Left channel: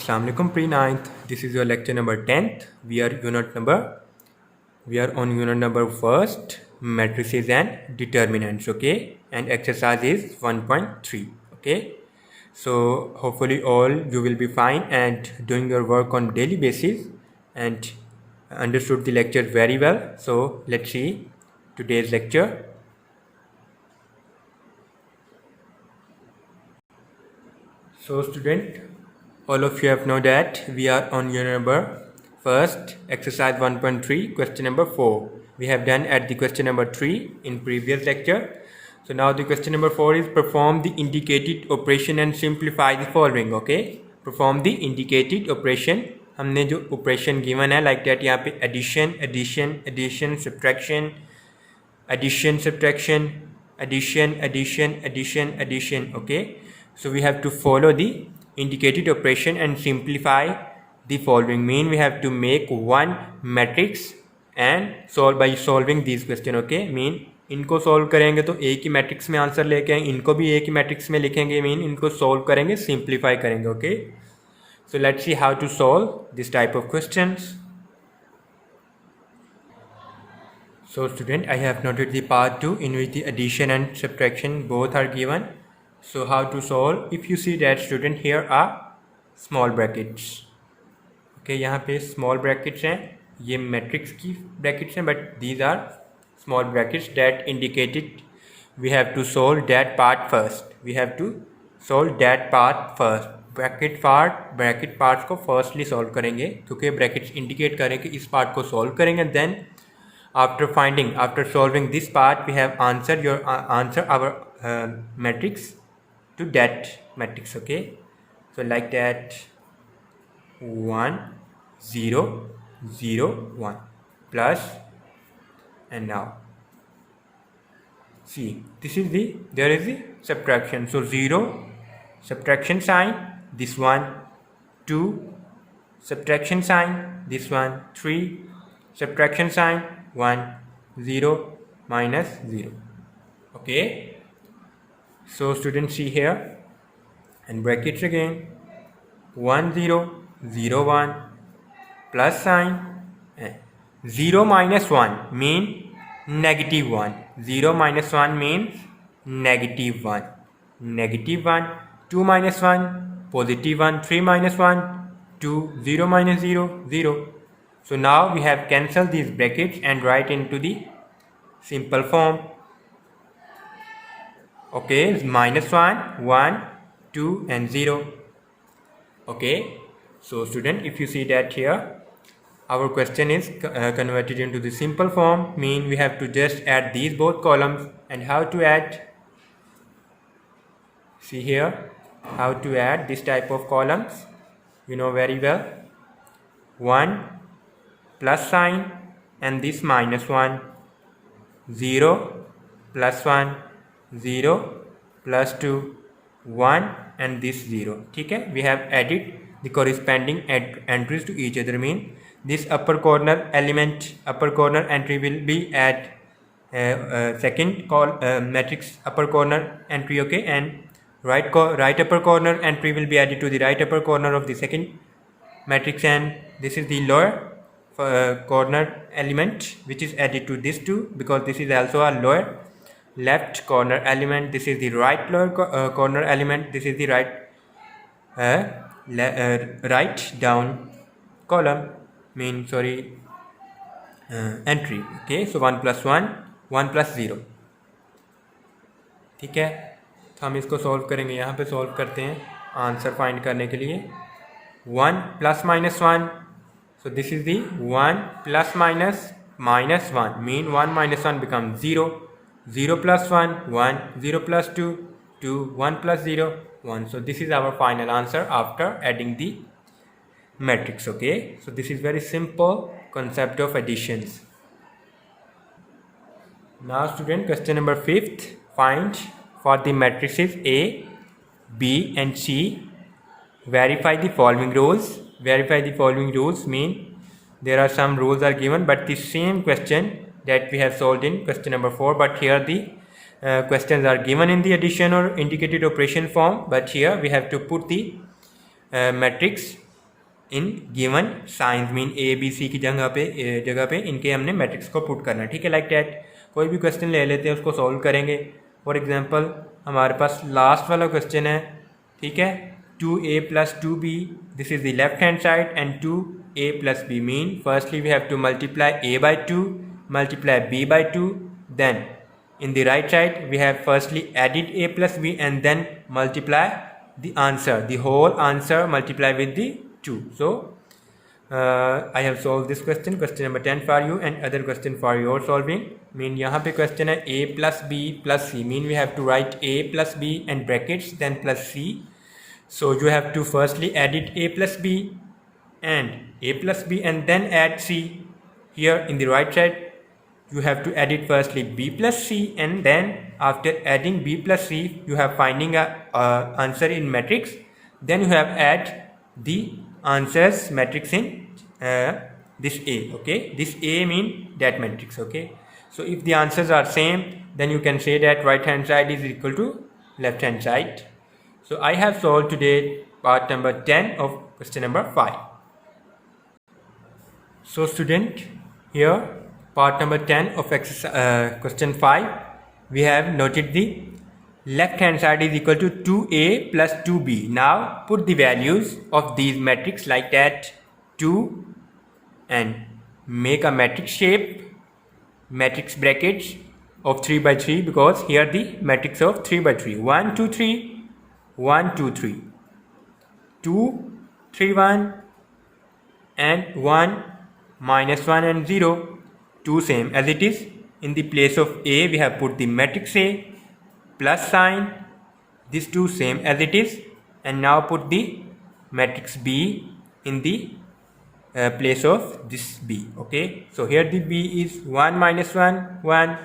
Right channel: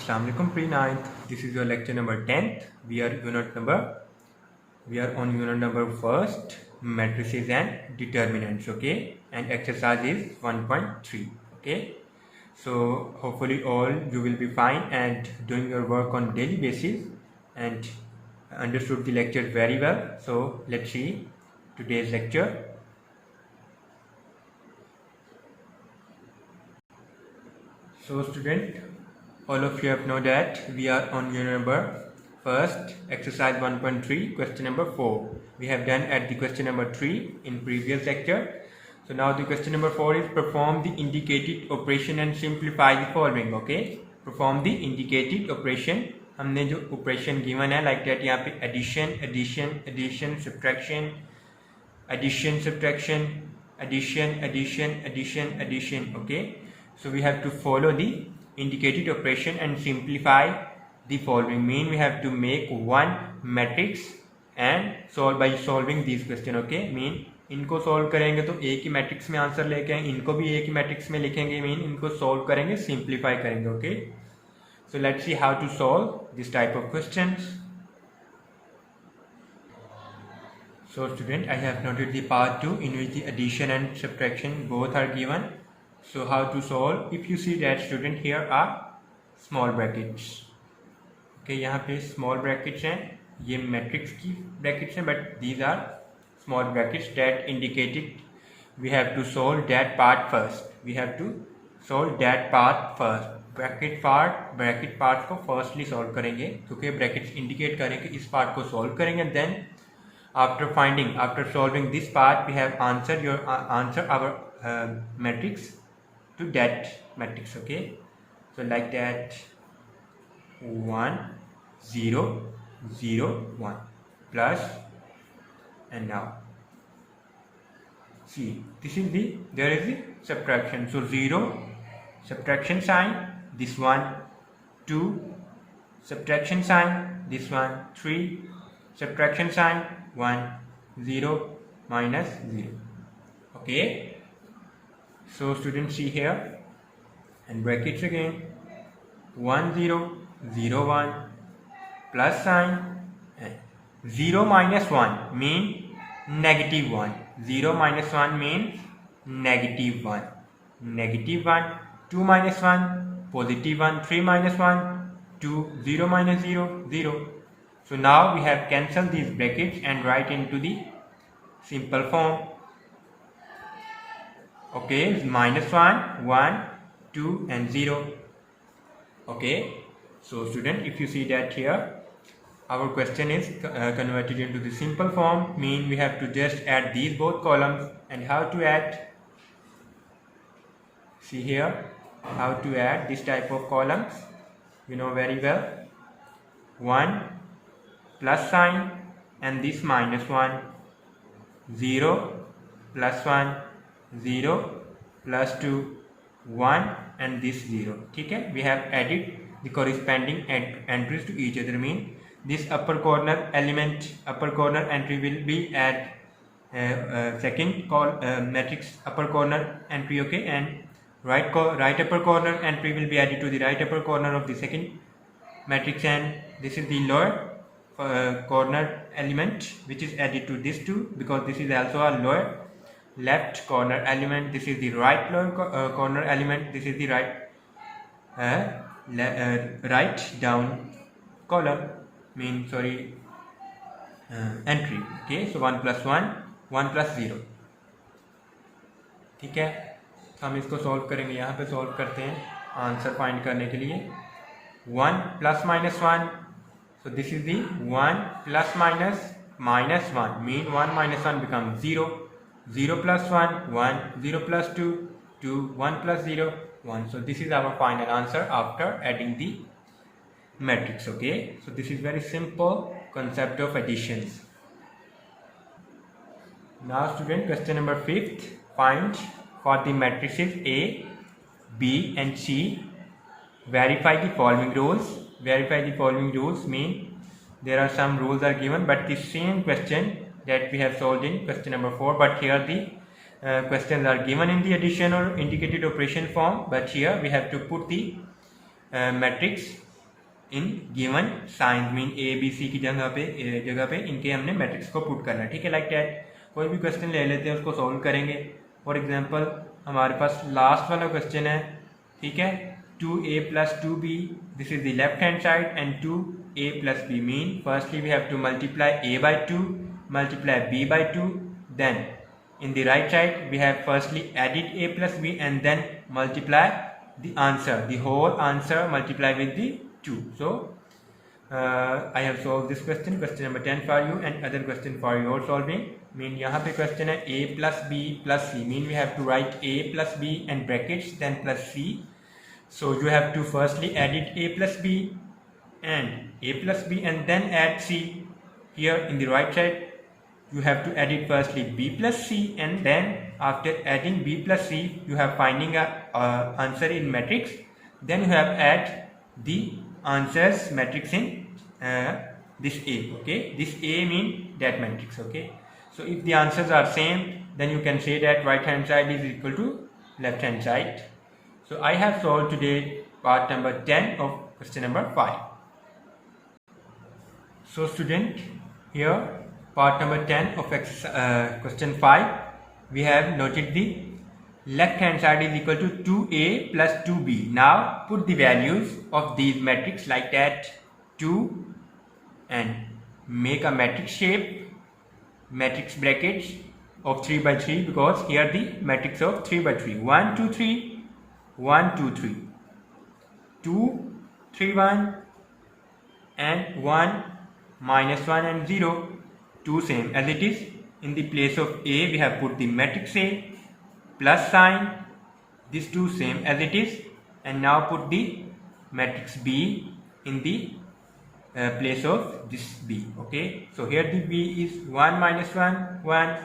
Assalamu alaikum pre-9th. This is your lecture number 10th. We are on unit number first, matrices and determinants. Okay, and exercise is 1.3. Okay, so hopefully all you will be fine and doing your work on daily basis and understood the lecture very well. So let's see today's lecture. So student, all of you have know that we are on unit number first, exercise 1.3, question number 4. We have done at the question number 3 in previous lecture. So now the question number 4 is perform the indicated operation and simplify the following. Okay, perform the indicated operation. हमने जो operation given है like that यहाँ पे addition, addition, addition, subtraction, addition, subtraction, addition, addition, addition, addition. Okay, so we have to follow the indicated operation and simplify the following. Mean we have to make one matrix and solve by solving these question. Okay, mean इनको solve करेंगे तो एक ही matrix में answer लेके आएंगे, इनको भी एक ही मैट्रिक्स में लिखेंगे, मीन इनको सॉल्व करेंगे, सिंप्लीफाई करेंगे. Okay, so let's see how to solve this type of questions. So student, I have noted the part 2 in which the addition and subtraction both are given. So how to solve? If you see that student, here are small brackets. Okay, यहाँ पे small brackets हैं, ये matrix की brackets हैं, but these are small brackets that indicated we have to solve that part first. We have to solve that part first. bracket parts को firstly solve करेंगे क्योंकि brackets indicate करें कि इस part को solve करेंगे. Then after solving this part, we have answer our matrix to that matrix. Okay, so like that 1 0 0 1 plus, and now see this is there is the subtraction, so 0 subtraction sign, this one 2 subtraction sign, this one 3 subtraction sign, 1 0 minus 0. Okay, so students see here, and brackets again 1 0 0 1 plus sign, and 0 minus 1 mean negative 1, 0 minus 1 means negative 1, negative 1, 2 minus 1 positive 1, 3 minus 1 2, 0 minus 0 0. So now we have cancelled these brackets and write into the simple form. Okay, minus 1 1 2 and 0. Okay, so student, if you see that here our question is converted into the simple form, mean we have to just add these both columns. And how to add? See here how to add this type of columns, you know very well. 1 plus sign and this minus 1, 0 plus 1, 0 plus 2, 1 and this 0. Okay, we have added the corresponding entries to each other. Mean this upper corner entry will be at second matrix upper corner entry. Okay, and right upper corner entry will be added to the right upper corner of the second matrix, and this is the lower corner element which is added to this two, because this is also a lower left corner element. This is the right lower corner element. This is the right down column, entry. Okay, so 1 plus 1 1 plus 0. ठीक है, तो हम इसको solve करेंगे. यहाँ पे solve करते हैं आंसर फाइंड करने के लिए. 1 plus minus 1, so this is the 1 plus minus 1, mean 1 minus 1 becomes 0, 0 plus 1 1, 0 plus 2 2, 1 plus 0 1. So this is our final answer after adding the matrix. Okay, so this is very simple concept of additions. Now student, question number 5th, find for the matrices A, B and C, verify the following rules. Verify the following rules mean there are some rules are given, but the same question that we have solved in question number 4, but here the questions are given in the addition or indicated operation form, but here we have to put the matrix in given science mean A B C की जगह पे इनके हमने matrix को put करना है, ठीक है। लाइक दैट कोई भी क्वेश्चन ले लेते हैं, उसको सॉल्व करेंगे। फॉर एग्जांपल हमारे पास लास्ट वाला क्वेश्चन है, ठीक है, 2a plus 2b, this is the left hand side, and 2a plus b mean firstly we have to multiply a by 2, multiply b by 2, then in the right side we have firstly added a plus b and then multiply the answer, the whole answer multiply with the 2. So I have solved this question number 10 for you, and other question for your solving. Mean यहाँ पे question है a plus b plus c, mean we have to write a plus b and brackets then plus c. So you have to firstly edit a plus b and then add c. Here in the right side you have to edit firstly b plus c, and then after adding b plus c you have finding a answer in matrix, then you have add the answers matrix in this a, okay. This a mean that matrix, okay. So if the answers are same, then you can say that right hand side is equal to left hand side. So I have solved today part number 10 of question number 5. So student, here part number 10 of question 5, we have noted the left hand side is equal to 2a plus 2b. Now put the values of these matrix like that 2 and make a matrix shape, matrix brackets of 3 by 3, because here the matrix of 3 by 3, 1 2 3 1 2 3 2 3 1 and 1 minus 1 and 0, 2 same as it is. In the place of a we have put the matrix A plus sign, these 2 same as it is, and now put the matrix B in the place of this B, okay. So here the B is 1 minus 1 1,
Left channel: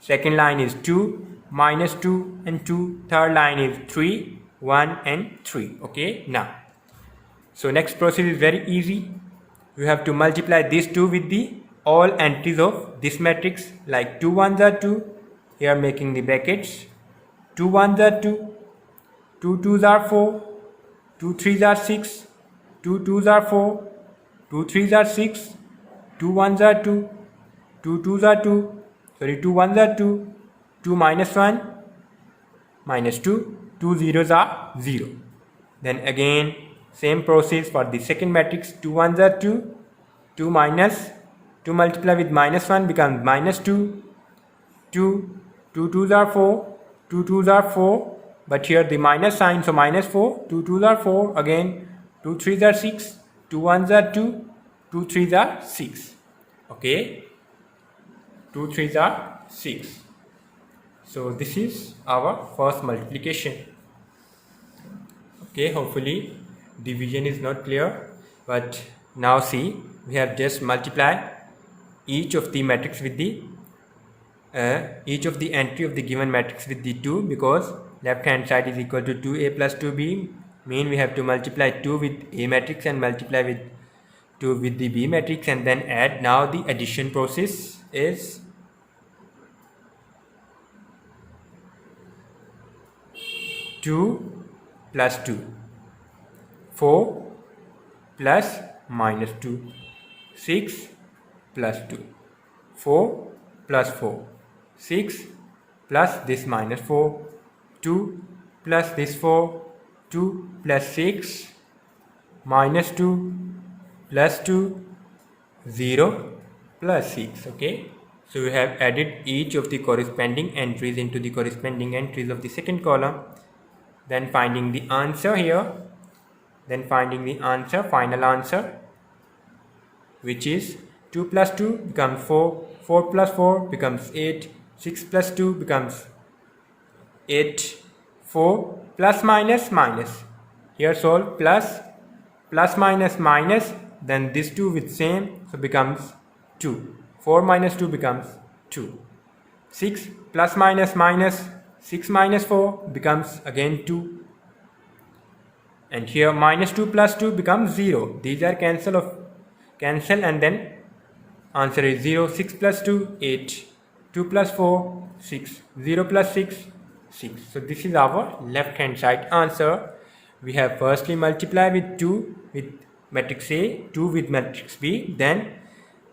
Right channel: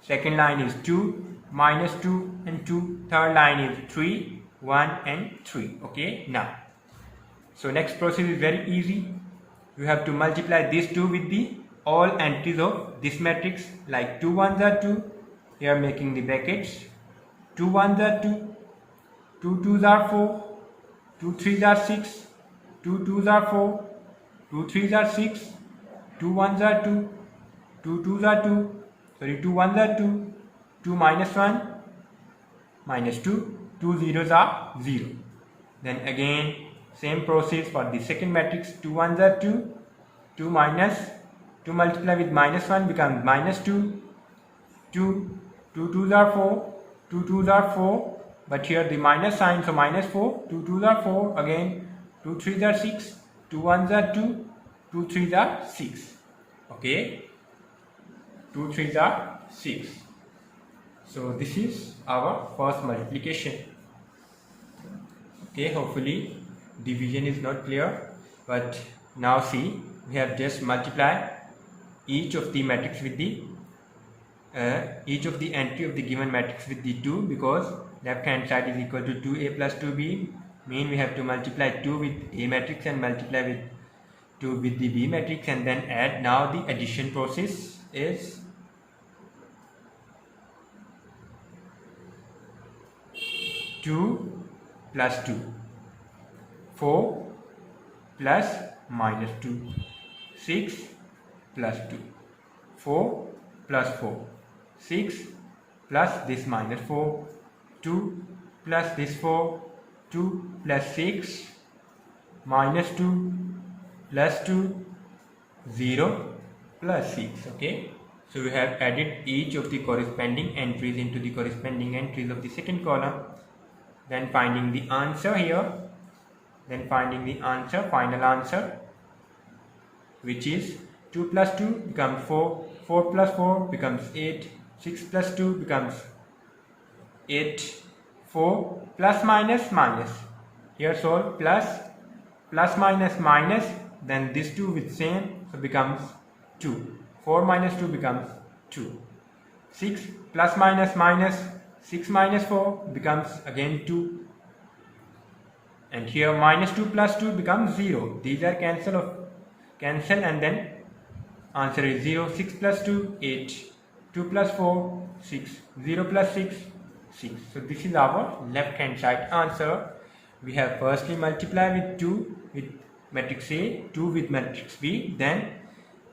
second line is 2 minus 2 and 2, third line is 3 1 and 3, okay. Now so next process is very easy. You have to multiply these 2 with the all entries of this matrix, like 2 1s are 2, here making the brackets, 2 1s are 2, 2 2s are 4, 2 3s are 6, 2 2s are 4, 2 3s are 6, 2 1s are 2, 2 2s are 2, sorry 2 1s are 2, 2 minus 1 minus 2, 2 zeros are 0. Then again same process for the second matrix, 2 1s are 2, 2 minus 2 multiply with minus 1 becomes minus 2, 2 2s are 4, 2 2s are 4, but here the minus sign, so minus 4, 2 2s are 4, again 2 3s are 6, 2 1s are 2, 2 3s are 6, okay, 2 3s are 6. So this is our first multiplication, okay. Hopefully division is not clear, but now see, we have just multiplied each of the matrix with the each of the entry of the given matrix with the 2, because left hand side is equal to 2a plus 2b, mean we have to multiply 2 with a matrix and multiply with 2 with the b matrix and then add. Now the addition process is 2 plus 2, 4 plus minus 2, 6 plus 2, 4 plus 4, 6 plus this minus 4, 2 plus this 4, 2 plus 6, minus 2 plus 2, 0 plus 6, okay. So we have added each of the corresponding entries into the corresponding entries of the second column, then finding the answer here, then finding the answer, final answer, which is 2 plus 2 becomes 4, 4 plus 4 becomes 8, 6 plus 2 becomes 8, 4 plus minus minus, here solve plus, plus minus minus, then this 2 with same, so becomes 2, 4 minus 2 becomes 2, 6 plus minus minus, 6 minus 4 becomes again 2, and here minus 2 plus 2 becomes 0, these are cancel and then answer is 0, 6 plus 2 8, 2 plus 4 6, 0 plus 6 6. So this is our left hand side answer. We have firstly multiplied with 2 with matrix A, 2 with matrix B. Then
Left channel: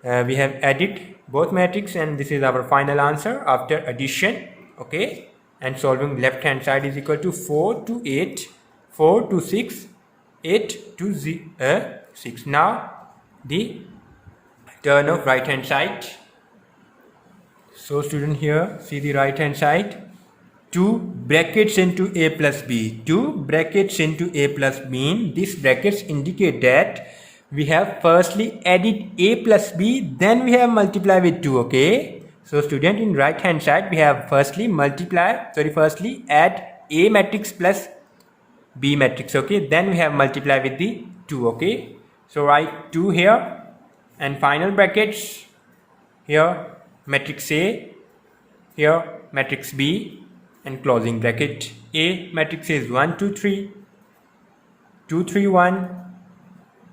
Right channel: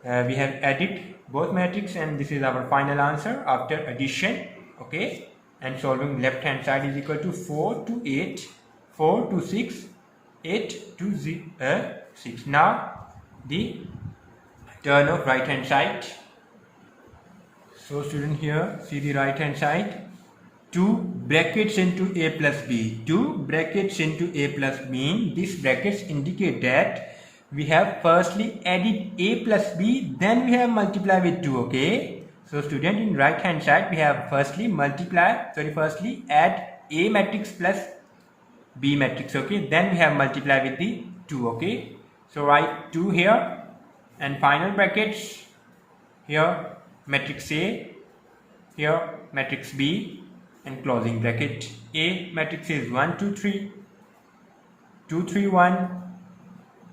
we have added both matrix, and this is our final answer after addition. Okay, and solving left hand side is equal to 4 to 8, 4 to 6, 8 to 6. Now the turn of right hand side. So student, here see the right hand side. 2 brackets into A plus B. 2 brackets into A plus B. These brackets indicate that we have firstly added A plus B, then we have multiplied with 2. Okay, so student, in right hand side we have firstly add A matrix plus B matrix. Okay, then we have multiplied with the 2. Okay, so write 2 here, and final brackets here matrix A, here matrix B, and closing bracket. A matrix is 1 2 3, 2 3 1,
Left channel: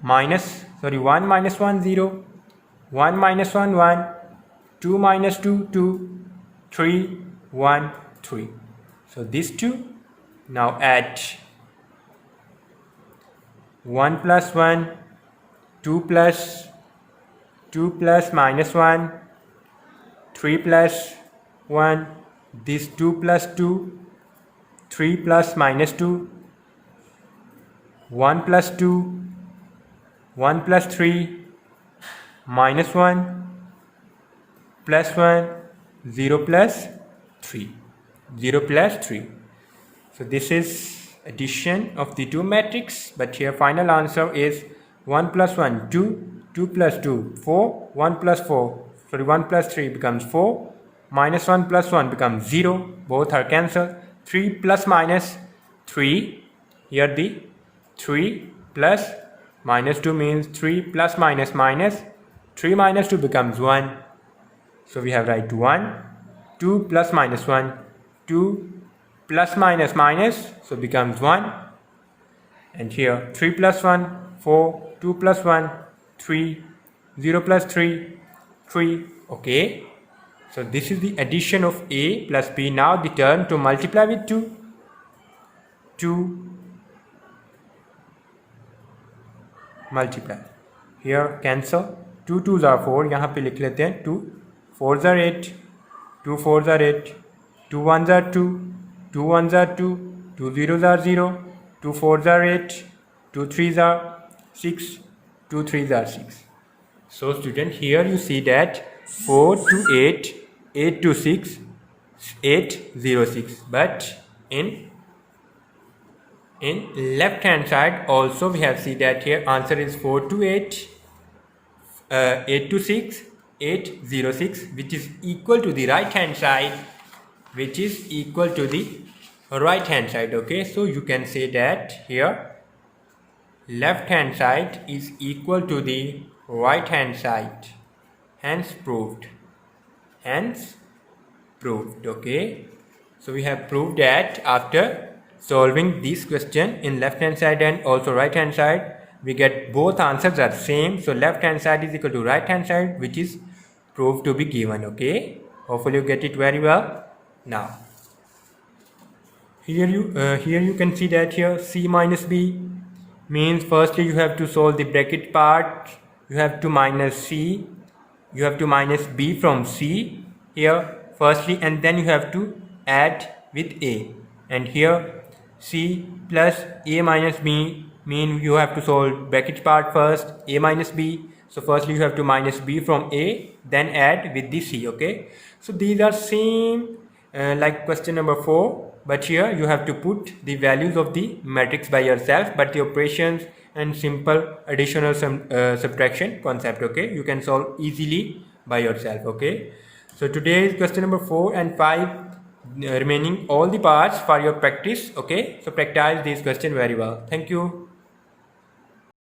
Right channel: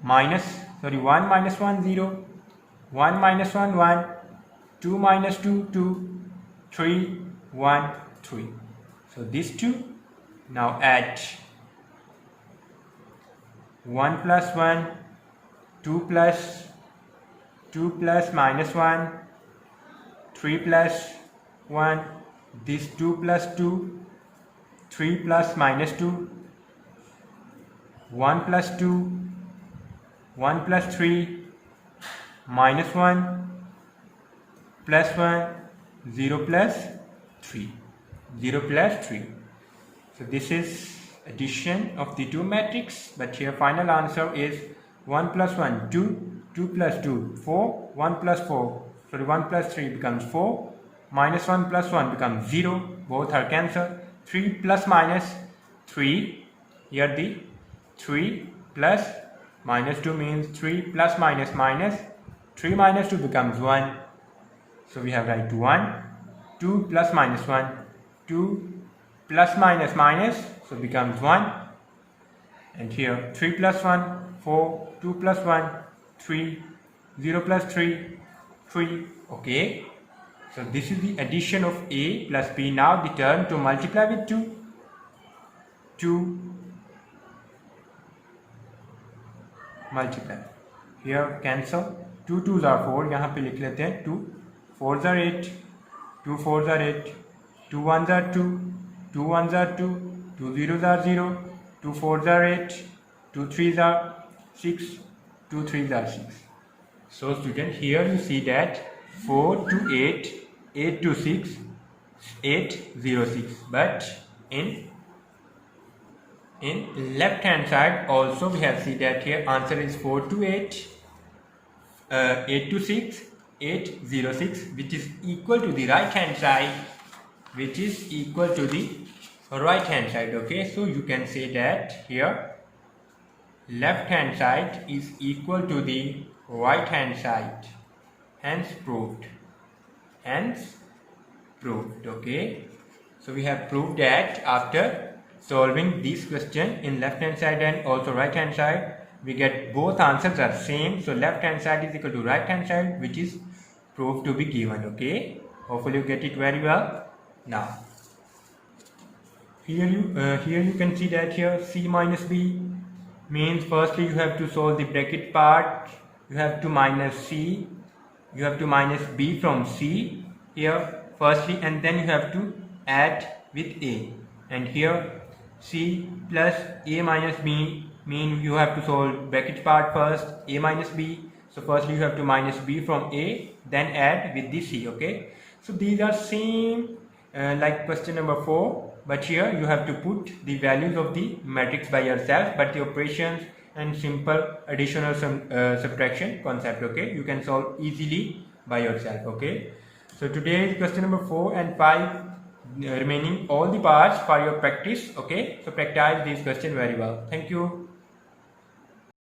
minus 1 minus 1 0, 1 minus 1 1, 2 minus 2 2, 3 1 3. So these two. Now add 1 plus 1, 2 plus minus 1, 3 plus 1, this 2 plus 2, 3 plus minus 2, 1 plus 2, 1 plus 3, minus 1, plus 1, 0 plus 3, 0 plus 3. So this is addition of the two matrix, but here final answer is 1 plus 1 2, 2 plus 2 4, 1 plus 4, 1 plus 3 becomes 4, minus 1 plus 1 becomes 0, both are cancelled. 3 plus minus 3, here the 3 plus minus 2 means 3 plus minus minus, 3 minus 2 becomes 1, so we have write 1, 2 plus minus 1, 2 plus minus minus, so becomes 1, and here 3 plus 1 4, 2 plus 1 3, 0 plus 3 3. Okay, so this is the addition of A plus B. Now the turn to multiply with 2, 2 multiply, here cancel, 2 2s are 4, यहाँ पे लिख लेते हैं 2 4s are 8, 2 4s are 8, 2 1s are 2, 2 1s are 2, 2 0s are 0, 2 4s are 8, 2 3s are 6, 2 3s are 6. So student, here you see that 4 to 8, 8 to 6, 8 0 6, but in left hand side also we have seen that here answer is 4 to 8, 8 to 6, 8 0 6, which is equal to the right hand side, which is equal to the right hand side. Okay, so you can say that here left hand side is equal to the right hand side, hence proved, okay, so we have proved that after solving this question in left hand side and also right hand side, we get both answers are same, so left hand side is equal to right hand side, which is proved to be given. Okay, hopefully you get it very well. Now here you can see that here C minus B means firstly you have to solve the bracket part, you have to minus C, you have to minus B from C here firstly, and then you have to add with A, and here C plus A minus B mean you have to solve bracket part first, A minus B, so firstly you have to minus B from A, then add with the C. Okay, so these are same like question number 4, but here you have to put the values of the matrix by yourself, but the operations and simple addition or subtraction concept, okay, you can solve easily by yourself. Okay, so today is question number 4 and 5, remaining all the parts for your practice. Okay, so practice this question very well. Thank you.